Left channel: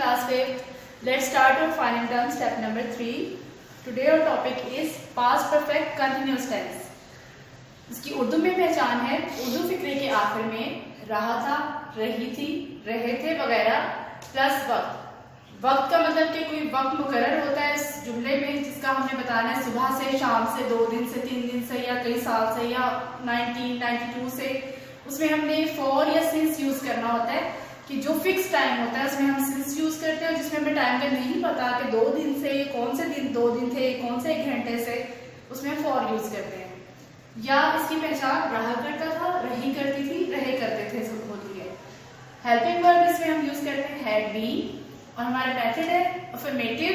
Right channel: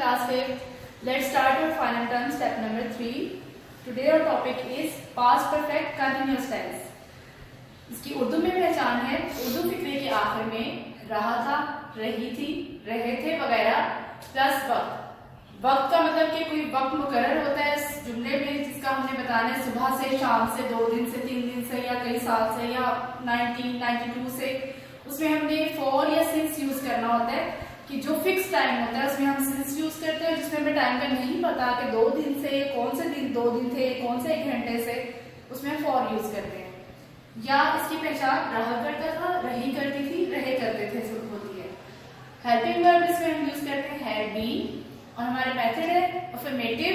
class 5th. Let's start our final term, step number 3. Today our topic is past perfect continuous tense. इसकी उर्दू में पहचान है, उर्दू फिक्रे के आखिर में रहा था, रही थी, रहे थे वगैरह प्लस वक्त। वक्त का मतलब कि कोई वक्त मुकर्रर होता है इस जुमले में जिसका हमने बताना है सुबह से, शाम से, 2 दिन से, 3 दिन से या कई साल से या 1992 से। उसमें हमने फॉर या सिंस यूज करना होता है कि जो फिक्स टाइम होता है उसमें हम सिंस यूज करते हैं, जिसमें हमें टाइम का नहीं पता कि 2 दिन से, कौन से दिन 2 दिन थे, कौन से 1 घंटे से, उसमें फॉर यूज करते हैं। या इसकी पहचान रहा करता था, रही करती थी, रहे करते थे सब होती है। हेल्पिंग वर्ब इसमें हम यूज करते हैं हैड बीन, और हमारे मेथड है अफर्मेटिव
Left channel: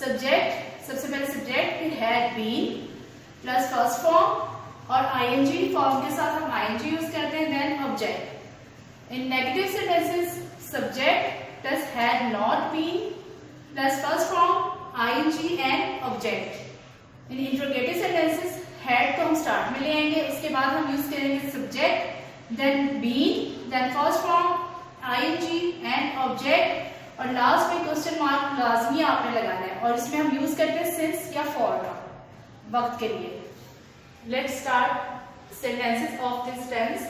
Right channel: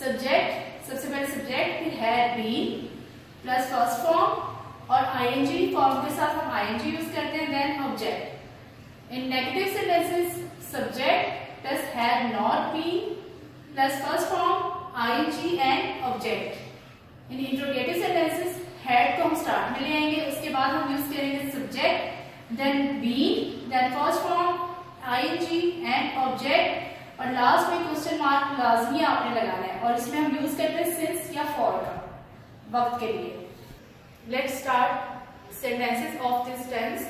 सब्जेक्ट, सबसे पहले सब्जेक्ट फिर had been plus first form और आईएनजी फॉर्म के साथ हम आईएनजी यूज करते हैं, then object. In negative sentences subject plus had not been plus first form ING and object. In interrogative sentences had को हम स्टार्ट में ले आएंगे, उसके बाद हम यूज करेंगे subject, then been, then first form ING and object, और लास्ट में क्वेश्चन मार्क लाजमी आपने लगाना है, और इसमें हम यूज करते हैं सिंस या फॉर का वक्त के लिए। Let's start sentences of this tense.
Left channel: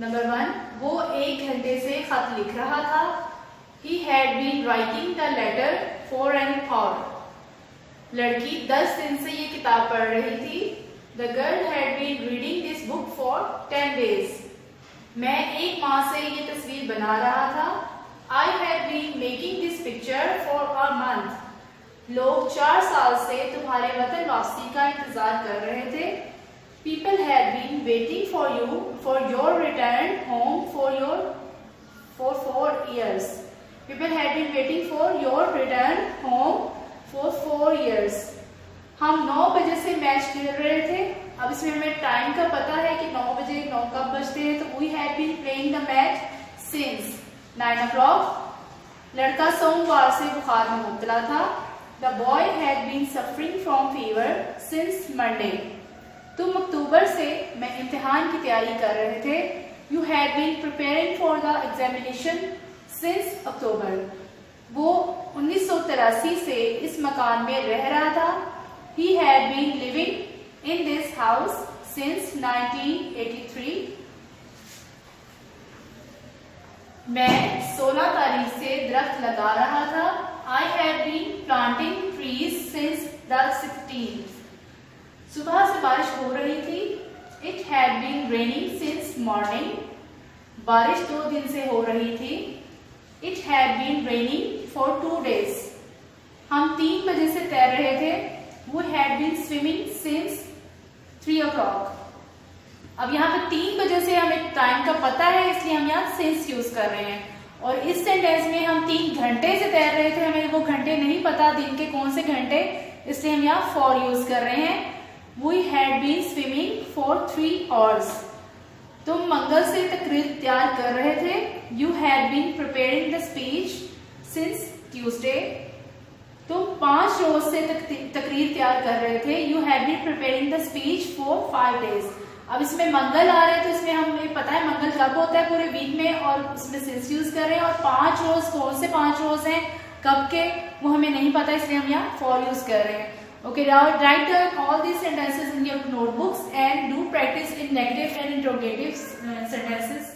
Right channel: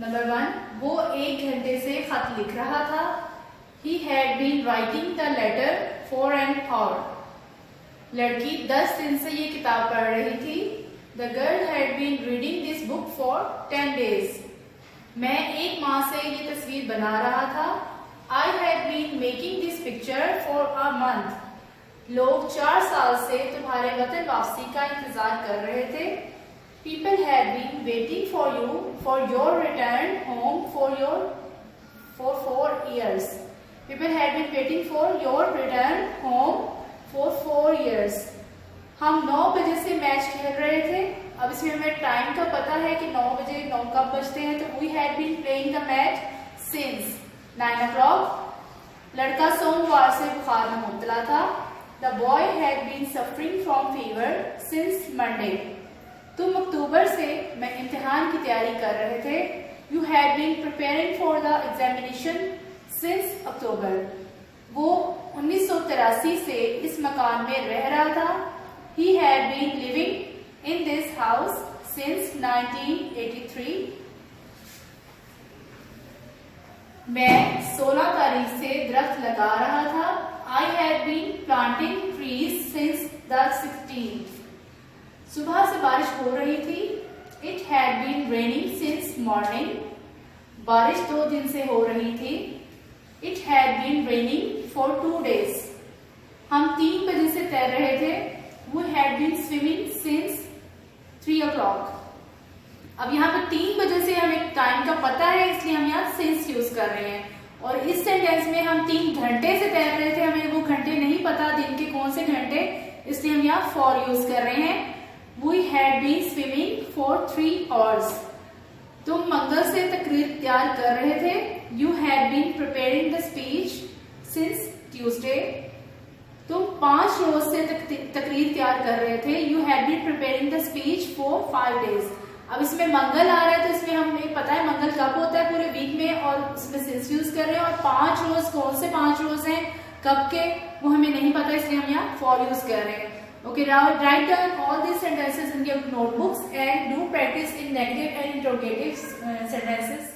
Number 1, वो 1 घंटे से खत लिख रहा था। He had been writing the letter for an hour. लड़की 10 दिन से ये किताब पढ़ रही थी। The girl had been reading this book for 10 days। मैं 1 माह से ये तस्वीर बना रहा था। I have been making this picture for a month। लोग 4 साल से तुम्हारे वतन वापसी का इंतजार कर रहे थे। People have been waiting for you for your return home for 4 years। People have been waiting for your return home for 4 years। हम 9 बजे से मैच खेल रहे थे। अब इसमें हमें टाइम का पता है कि 9 बजे 9 कब बजते हैं, तो we have been playing the match since 9 o'clock। लड़का सोमवार से बुखार में मुब्तला था। The boy had been suffering from fever since Monday। तुम अक्टूबर से मैं इम्तिहान की तैयारी कर रहे थे। You had been preparing for the examination since October। वो 1983 से इस मकान में रह रहा था। He had been living in this house since 1983। मैं 16 तारीख से दरख्त लगा रहा था। I had been planting trees since the 16th। सुबह से बारिश हो रही थी। It had been raining since morning। बारिश 2 दिन से हो रही थी। It had been raining for 2 days। हम 3 बजे से तैर रहे थे। We had been swimming since 3 o'clock। अब यहाँ पे 3 बजे से हमें टाइम का पता है, इसलिए हम यहाँ सिंस यूज कर रहे हैं। और इस सेंटेंस में हम 3 घंटे से तैर रहे थे, हमें वो घंटे नहीं पता दिन के कौन से घंटे, इसलिए हम यहाँ फॉर यूज कर रहे हैं। We had been swimming for 3 hours। तुम मंगल से तकरीर तैयार कर रहे थे। You had been preparing the speech since Tuesday। तुम 5 रोज से तकरीर तैयार कर रहे थे। You had been preparing the speech for 5 days। अब इसमें मंगल आ रहा है, तो इसमें हमें पता है मंगल कब होता है पूरे वीक में, और उसमें सिंस यूज कर रहे हैं। और 5 रोज कौन से 5 रोज हैं, कब के, वो हमें नहीं पता, इसलिए हम यहाँ फॉर यूज कर रहे हैं। Okay, now write down all these sentences in your notebooks and do practice in negative and interrogative sentences.